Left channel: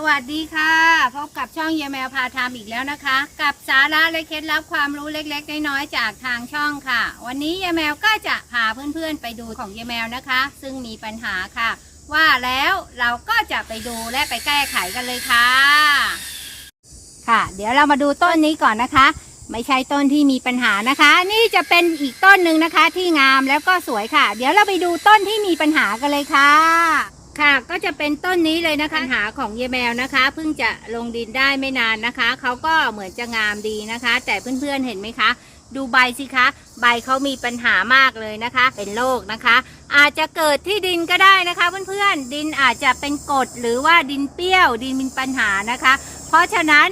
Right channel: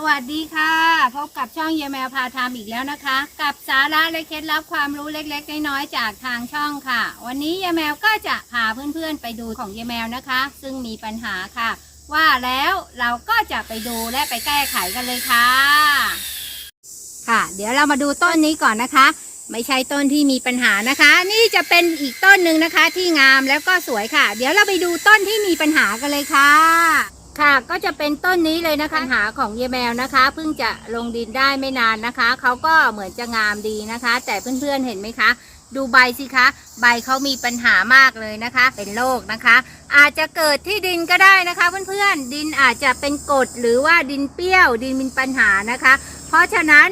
สวัสดีค่ะ พบกับช่องเยแมวพาทำอีกแล้วนะคะ กับสาระและเคล็ดลับความรู้เล็กๆน้อยๆจากทางช่องค่ะ วันนี้เยแมวก็จะพาเพื่อนๆไปดูของเยแมวนะคะ ซึ่งมีปัญหาค่ะ ว่าแล้วเราก็จะไปดูและไปแก้ไขกันเลยค่ะ ค่ะ เดี๋ยวเรามาดูต้นนี้ก่อนนะคะ ไม่ใช่ต้นที่มีปัญหานะคะ นี่จะเป็นอีกต้นหนึ่งนะคะที่งามแล้วก็สวยค่ะ เดี๋ยวเราไปดูต้นที่มีปัญหากันเลยค่ะ จะเป็นต้นนี้เลยนะคะปัญหาของเยแมวนะคะเพิ่งจะลงดินได้ไม่นานนะคะเขาก็เหมือนจะงามดีนะคะ แต่เพื่อนๆเห็นไหมคะ ดูใบสิคะ ใบเขามีปัญหามากเลยนะคะ เป็นโรคนะคะ อาจจะเกิดที่ดินก็ได้นะคะ เพื่อนๆดินอาจจะเป็นกรดหรือว่าดินเปรี้ยว ดินมีปัญหานะคะ เพราะฉะนั้น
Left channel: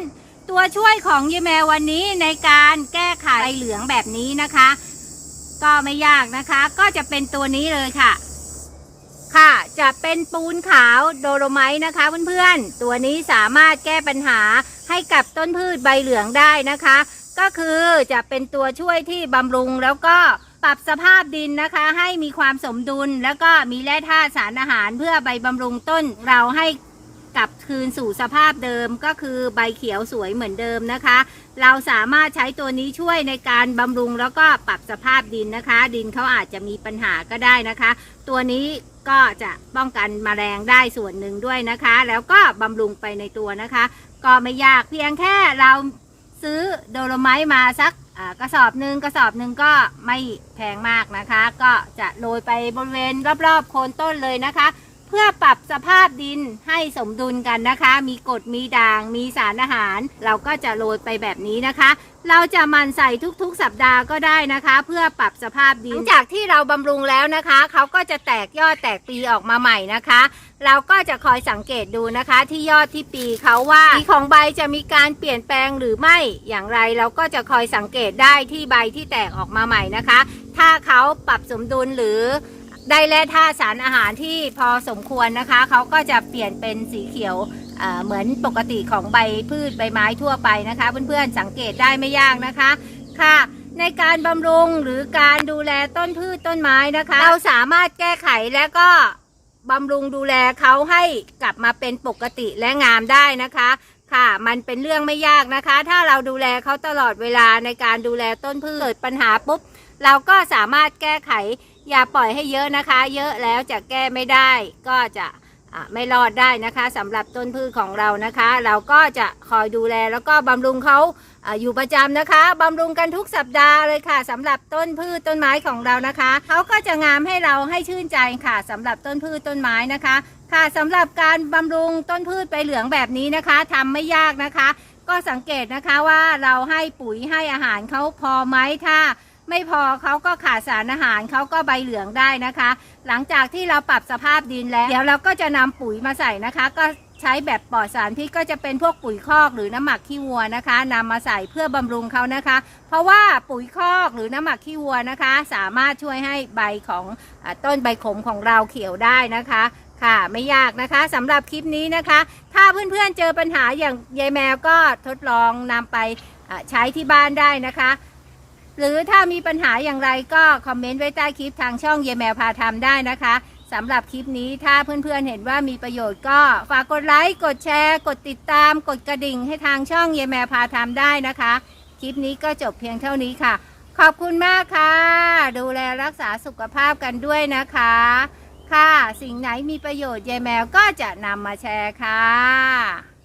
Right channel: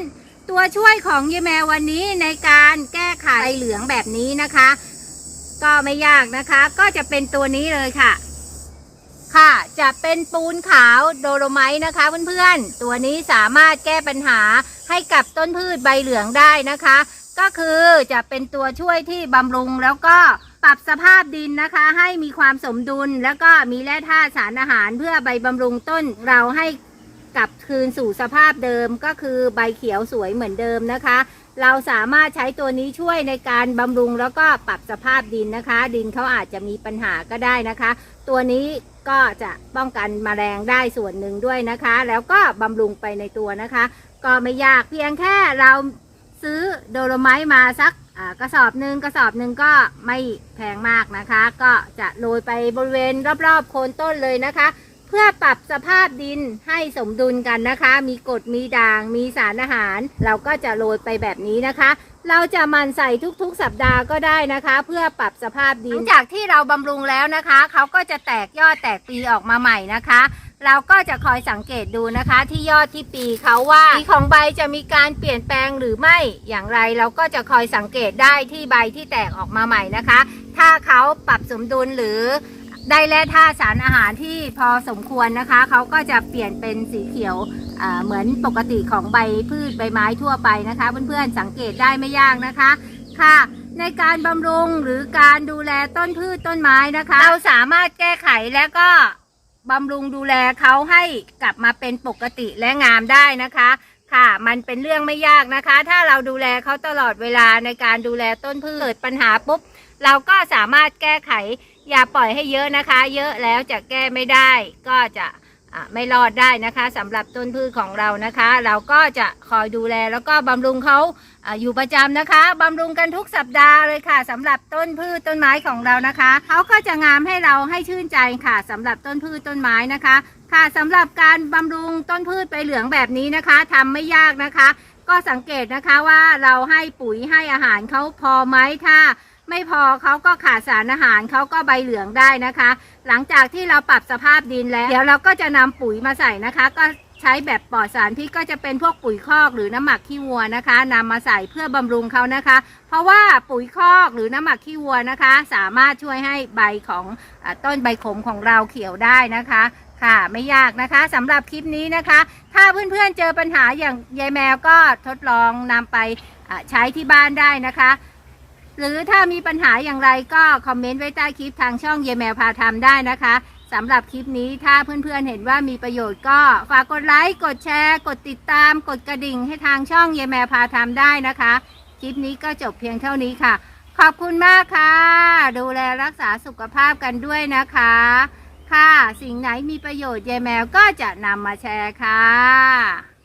ตัวช่วยของเยแมววันนี้ในการแก้ไขใบเหลืองแบบนี้นะคะ ก็ไม่ยากนะคะ ก็จะเป็นตัวนี้เลยค่ะค่ะ จะเป็นปูนขาวโดโลไมต์นะคะเพื่อนๆ ตัวนี้สามารถแก้ปัญหาให้กับต้นพืชใบเหลืองได้นะคะ ก็คือจะเป็นตัวช่วยที่บำรุงแล้วก็ปรับสภาพดินนะคะ ให้มีความสมดุลแล้วก็มีแร่ธาตุสารอาหารเพื่อใบบำรุงต้นเราให้ กลับคืนสู่สภาพเดิมก็คือใบเขียวสวยเหมือนเดิมนะคะ เราสามารถใช้ตัวนี้ช่วยในการบำรุงแล้วก็ปรับสภาพดินนะคะ ดินเขาอาจจะมีปัญหาก็ได้นะคะ ตัวนี้ก็จะป้องกันแมลงได้ส่วนหนึ่งด้วยนะคะ แล้วก็บำรุงไปในตัวนะคะ ก็ไม่ยากเพียงแค่เราซื้อโดโลไมต์มาสักกระสอบหนึ่งกระสอบหนึ่งก็ไม่แพงมากนะคะ ก็จะโรยไปบริเวณรอบๆโคนต้นเลยนะคะ เพื่อปรับสภาพดินให้สมดุลกันนะคะ มีกรดมีด่าง มีสารอาหาร เราก็จะโรยไปแบบนี้นะคะ เราจะมันใส่ทุกๆสัปดาห์ก็ได้นะคะ เพื่อปรับสภาพดิน หลังจากที่เราบำรุงแล้วนะคะ เขาก็จะแตกยอดแตกปีออกมาใหม่นะคะ เราก็จะคอยสังเกตดูนะคะ ที่ยอดที่ปีเขาว่าปีของใบจะมีการเปลี่ยนแปลงหรือไม่อย่างไร เราก็จะคอยสังเกตได้ที่ใบที่แตกออกมาใหม่นะคะ ถ้าเขาปรับสมดุลหรือ ได้แร่ธาตุสารอาหารที่พอสมควรนะคะ เขาก็จะเปลี่ยนเป็นสีเขียวเหมือนปกติของใบพืชใบไม้ทั่วไปนะคะ เพื่อนๆ สังเกตได้ไม่ยากนะคะค่ะ ในการบำรุงหรือการดูแลต้นพืชต้นไม้นะคะ เราสามารถแก้ไขและก็บำรุงดูแลเขาให้กลับมาเป็นปกติและงามได้นะคะ ค่ะ มันเป็นเรื่องไม่ยากนะคะ ถ้าเราดูแลเขาตลอดเวลาในการดูแลต้นพืชเกิดปัญหาปุ๊บ เราก็สามารถแก้ไข อย่าปล่อยให้เยอะนะคะ เยอะแล้วจะแก้ไม่ได้ ก็จะอะ ไม่รอดได้นะคะสำหรับต้นพืชของเรานะคะ เราก็จะคอยดูแลแล้วก็บำรุงเขาออยู่ประจำนะคะบำรุงกันทุกสัปดาห์เลยค่ะสำหรับต้นพืชต้นไม้ของเรานะคะเขาก็จะงามให้เราให้ชื่นใจค่ะสำหรับต้นพืชต้นไม้นะคะ ค่ะสำหรับการบำรุงต้นพืชใบเหลืองแบบนี้นะคะทำไม่ยากนะคะ ก็สังเกตนะคะว่าเราให้ปุ๋ยให้อาหารเขาพอไหมถ้า ไม่พอเขาก็ขาดสารอาหารเขาก็ใบเหลืองได้นะคะ หลังจากที่เราปรับสภาพดินแล้ว เดี๋ยวเราก็จะนำปุ๋ยมาใส่นะคะ ก็ใช้แบบปลอดสารพิษก็จะเป็นพวกปุ๋ยคอกหรือน้ำหมักขี้วัวนะคะนำมาใส่เพื่อบำรุงเขานะคะ เพราะว่าปุ๋ยคอกหรือน้ำหมักขี้วัวนะคะ สามารถช่วยให้ใบของอาต้นใบขมของเราเขียวได้นะคะค่ะไม่ยากนะคะสำหรับคลิปนี้นะคะ ถ้าเพื่อนๆเจอปัญหาอย่างยายแมวก็ทดลองนำไปใช้ที่บ้านได้นะคะ หรือถ้ามีปัญหาอย่างไรก็คอมเมนต์ไว้ใต้คลิปทางช่องเยแมวพาทำได้นะคะสำหรับคลิปนี้ถ้าเพื่อนๆเห็นว่ามีประโยชน์ก็ฝากกดไลค์กดแชร์ กดติดตาม กดกระดิ่งให้ทางช่องเยแมวพาทำได้นะคะ คลิปนี้ก็จบเพียงเท่านี้ค่ะ ขอบคุณมากค่ะ ดูแลรักษาสุขภาพกันด้วยนะคะ ค่ะ สิ่งไหนมีประโยชน์ยายแมวก็จะนำมาแชร์ค่ะ